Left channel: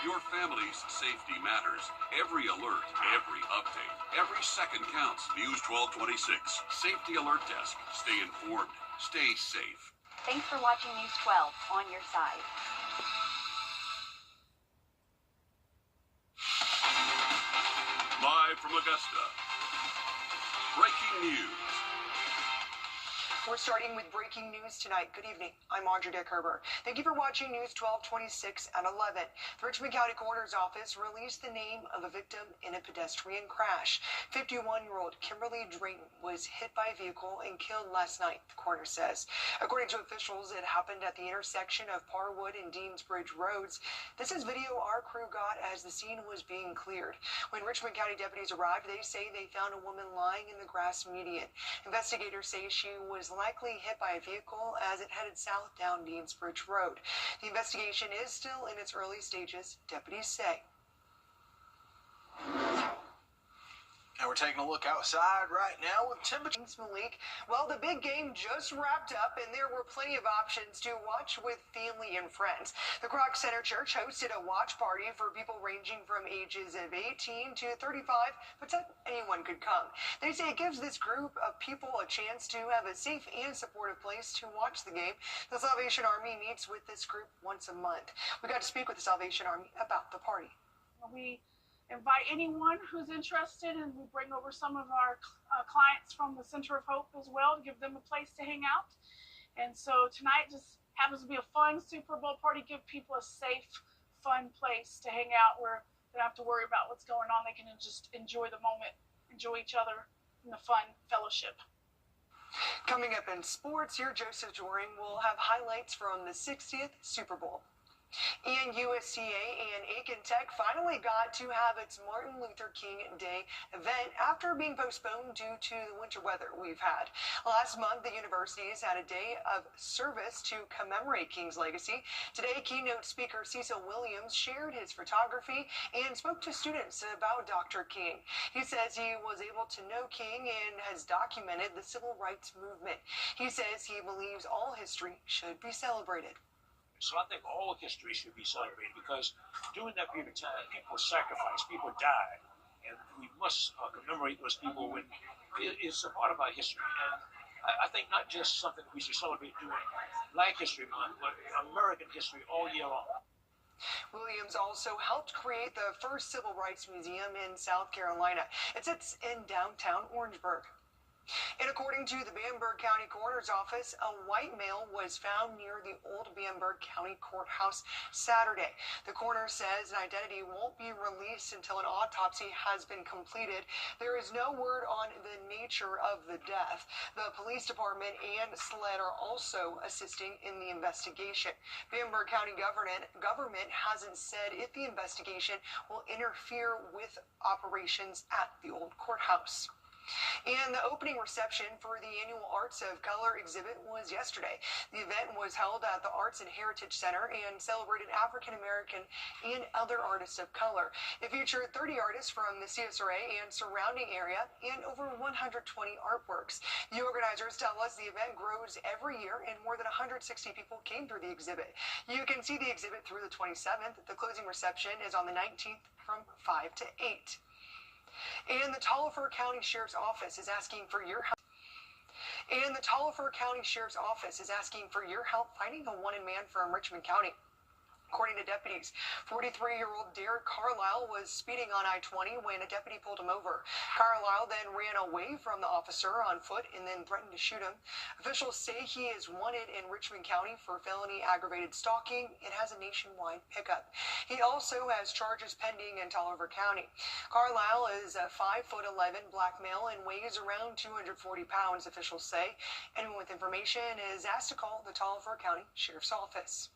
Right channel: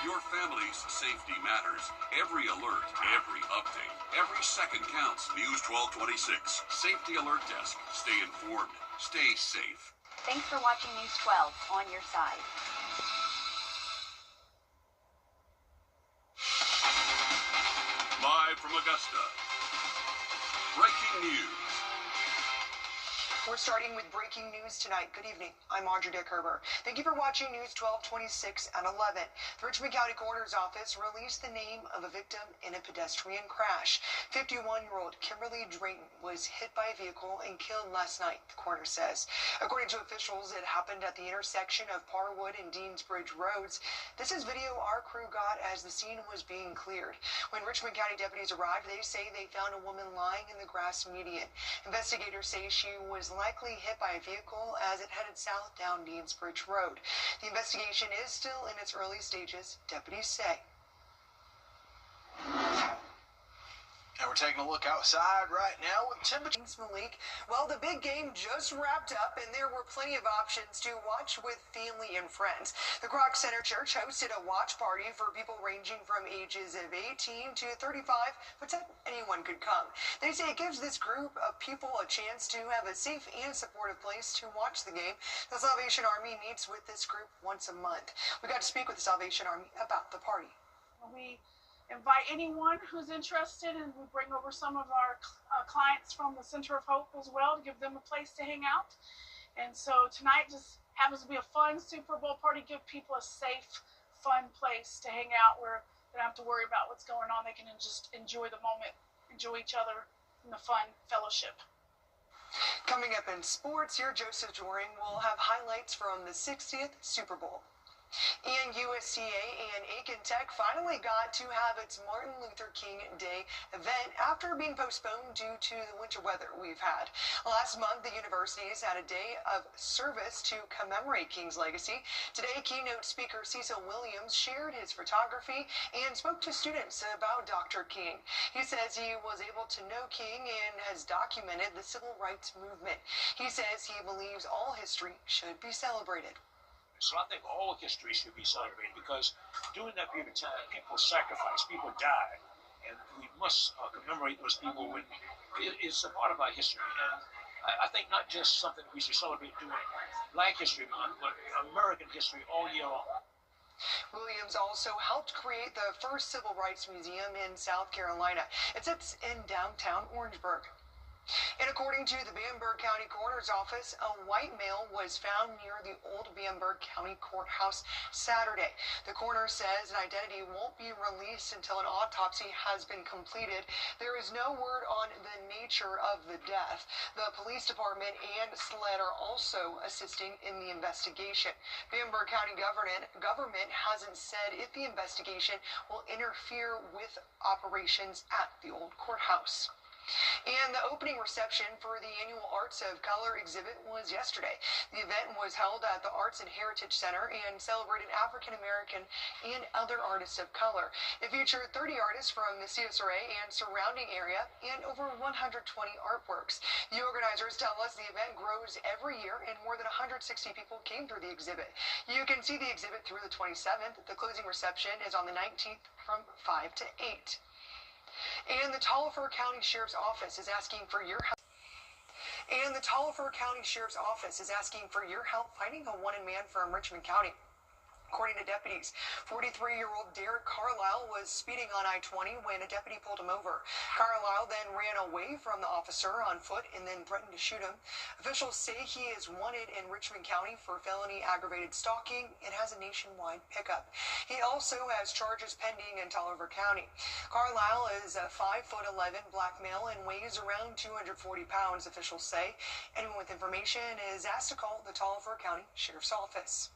Your family's safety matters. Every alert, every update, every second counts. News 1226. Safety Alert Desk. Stay informed. Stay safe. Thanks for watching News 12 on your side. Live from Augusta. Breaking news. We're starting with breaking news tonight. Good evening. I'm Wrdw. Thank you for watching News 1226 at 11. The Richmond County Coroner's Office released the name of a victim in a pedestrian crash. 51-year-old Kimberly Drayton was hit by a vehicle and killed last night, the coroner says. According to officials, it happened at the intersection of Parwood and Deansbridge Roads. This is video our crew got as the scene was being cleared. When Richmond County deputies arrived, they say they found a woman lying in the grass median. Investigators say she was likely hit by a vehicle as it headed south down Deansbridge Road. The investigation is still in its early stages, deputies say. And we're taking a look outside right now with temperature. Malik, well, the big game just wrapped up, and there were plenty of options to watch with family and friends. The Croc Center Church hosted a watch party for people ranging from ages of 18 to 35, but anyone could come. They say it gives this group of people a chance to have a safe and supportive place to watch the game. The Salvation Army meets with this group once a month. We got to speak with the Salvation Army about the party. We invite anyone who's interested, and we bring over some of our clients from the Center of Hope as well to give them a place to hang out. And so tonight just happens to be a fun Super Bowl party, give people a safe, fun place to hang out where they don't have to worry about what's going on. They can just enjoy the moment, enjoy each other, and the fun fellowship. Coming up in sports, your Joseph Joring will have highlights from the 60th Super Bowl. And USCA and Aiken Tech finally got to have its Martin Luther King Day event after being postponed due to the winter weather we've had. Last month, the universities had a day of service to commemorate King's legacy. Today, keynote speaker Cecil Williams shared his photography and spoke to students about Dr. King. He says he was able to know King and has documented the civil rights movement. He says he believes all history should be celebrated. So I think all history should be celebrated because during that period of time, people sacrificed, people died, and we must commemorate those people when it's a part of our history. And I think not just something we should celebrate during Black History Month, but American history all year long. Williams also helped create the first Civil Rights Museum in South Carolina. It sits in downtown Orangeburg. And according to the Bamberg County Coroner's Office, a white male was found near the old Bamberg County Courthouse Saturday. The coroner says an identity won't be released until an autopsy has been completed. There is no word on the nature of the death. The police department and SLED are also assisting in the investigation. Bamberg County government hasn't said if the investigation will interfere with operations at the old courthouse. And the opening reception for the annual Arts of Color exhibit was yesterday. The event was held at the Arts and Heritage Center and celebrated African American and other artists of color. It featured 30 artists from the CSRA and surrounding area and over 120 artworks. The organizers tell us the event grows every year and more than 160 people came through the exhibit. You can see the exhibit through the 27th. The closing reception is on the 19th from 5 to 8. And the Taliaferro County Sheriff's Office is asking for your help. Finding a wanted man from Richmond County. According to deputies, 43-year-old Derek Carlisle was speeding on I-20 when a deputy pulled him over. Carlisle then ran away from the officer on foot and then threatened to shoot him. Officials say he is wanted in Richmond County for felony aggravated stalking and has a nationwide pickup. He also has charges pending in Taliaferro County. Carlisle is a 5'11" black male and weighs around 240 pounds, officials say. Anyone with information is asked to call the Taliaferro County Sheriff's Office.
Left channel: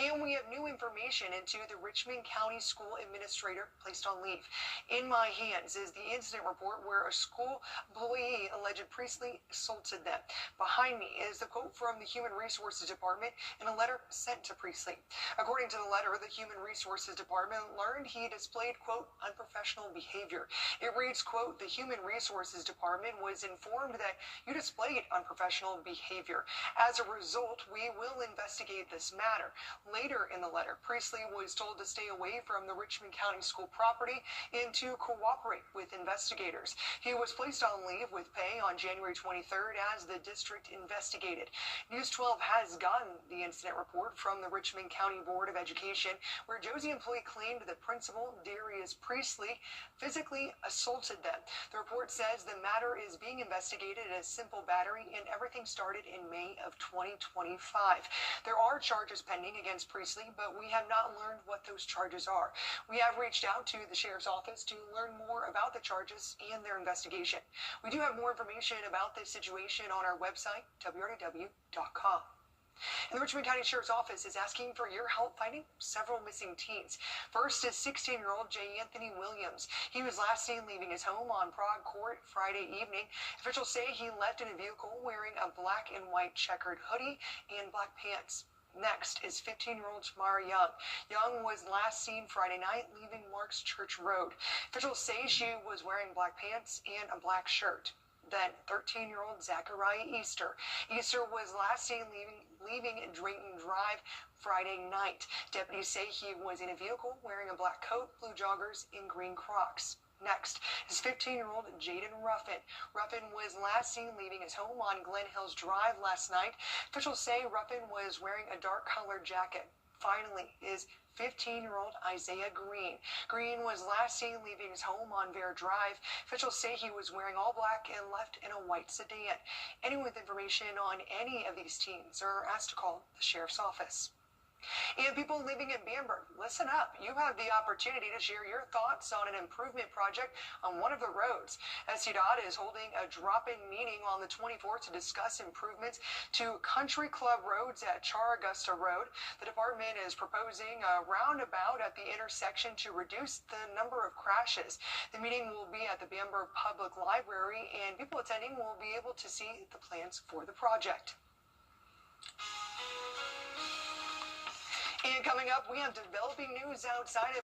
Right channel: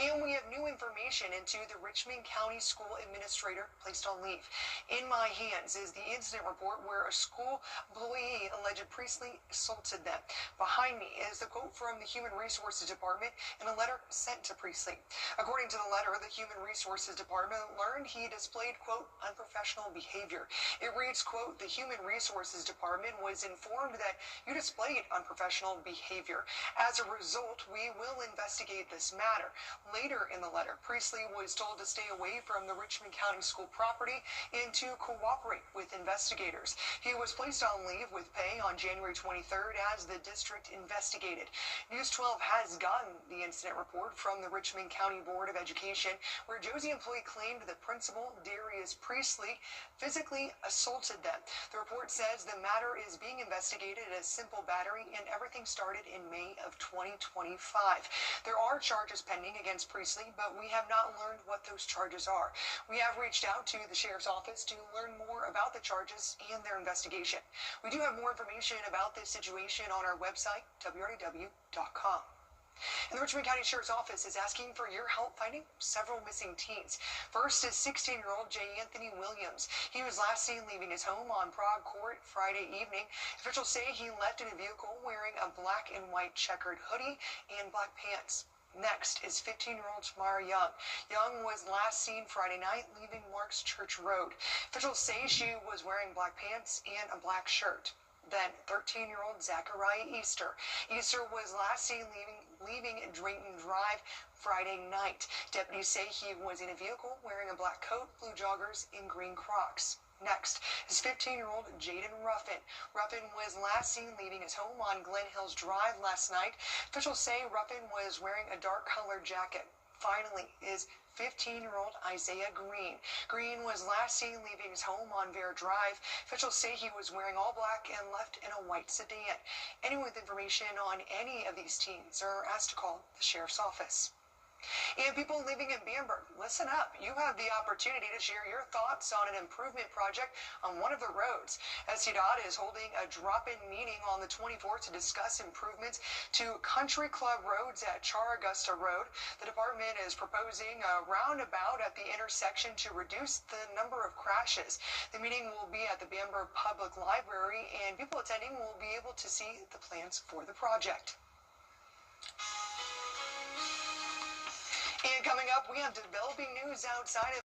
And we have new information into the Richmond County School Administrator placed on leave. In my hands is the incident report where a school employee alleged Priestley assaulted them. Behind me is the quote from the Human Resources Department in a letter sent to Priestley. According to the letter, the Human Resources Department learned he displayed, quote, unprofessional behavior. It reads, quote, the Human Resources Department was informed that you displayed unprofessional behavior. As a result, we will investigate this matter. matter. Later in the letter, Priestley was told to stay away from the Richmond County School property and to cooperate with investigators. He was placed on leave with pay on January 23rd as the district investigated. News 12 has gotten the incident report from the Richmond County Board of Education, where Josie employee claimed that Principal Darius Priestley physically assaulted them. The report says the matter is being investigated as simple battery, and everything started in May of 2025. There are charges pending against Priestley, but we have not learned what those charges are. We have reached out to the sheriff's office to learn more about the charges and their investigation. We do have more information about this situation on our website, wrdw.com. And the Richmond County Sheriff's Office is asking for your help finding several missing teens. First is 16-year-old J. Anthony Williams. He was last seen leaving his home on Prague Court Friday evening. Officials say he left in a vehicle wearing a black and white checkered hoodie and black pants. Next is 15-year-old Tamara Young. Young was last seen Friday night leaving Marks Church Road. Officials say she was wearing black pants and a black shirt. Then 13-year-old Zachariah Easter. Easter was last seen leaving Drayton Drive Friday night. Deputies say he was in a vehicle wearing a black coat, blue joggers, and green Crocs. Next is 15-year-old Jaden Ruffin. Ruffin was last seen leaving his home on Glen Hills Drive last night. Officials say Ruffin was wearing a dark-colored jacket. Finally is 15-year-old Isaiah Green. Green was last seen leaving his home on Bear Drive. Officials say he was wearing all black and left in a white sedan. Anyone with information on any of these teens are asked to call the sheriff's office. And people living in Bamberg, listen up. You have the opportunity to share your thoughts on an improvement project on one of the roads. SDOT is holding a drop-in meeting on the 24th to discuss improvements to Country Club roads at Char-Augusta Road. The department is proposing a roundabout at the intersection to reduce the number of crashes. The meeting will be at the Bamberg Public Library, and people attending will be able to see the plans for the project. And coming up, we have developing news outside of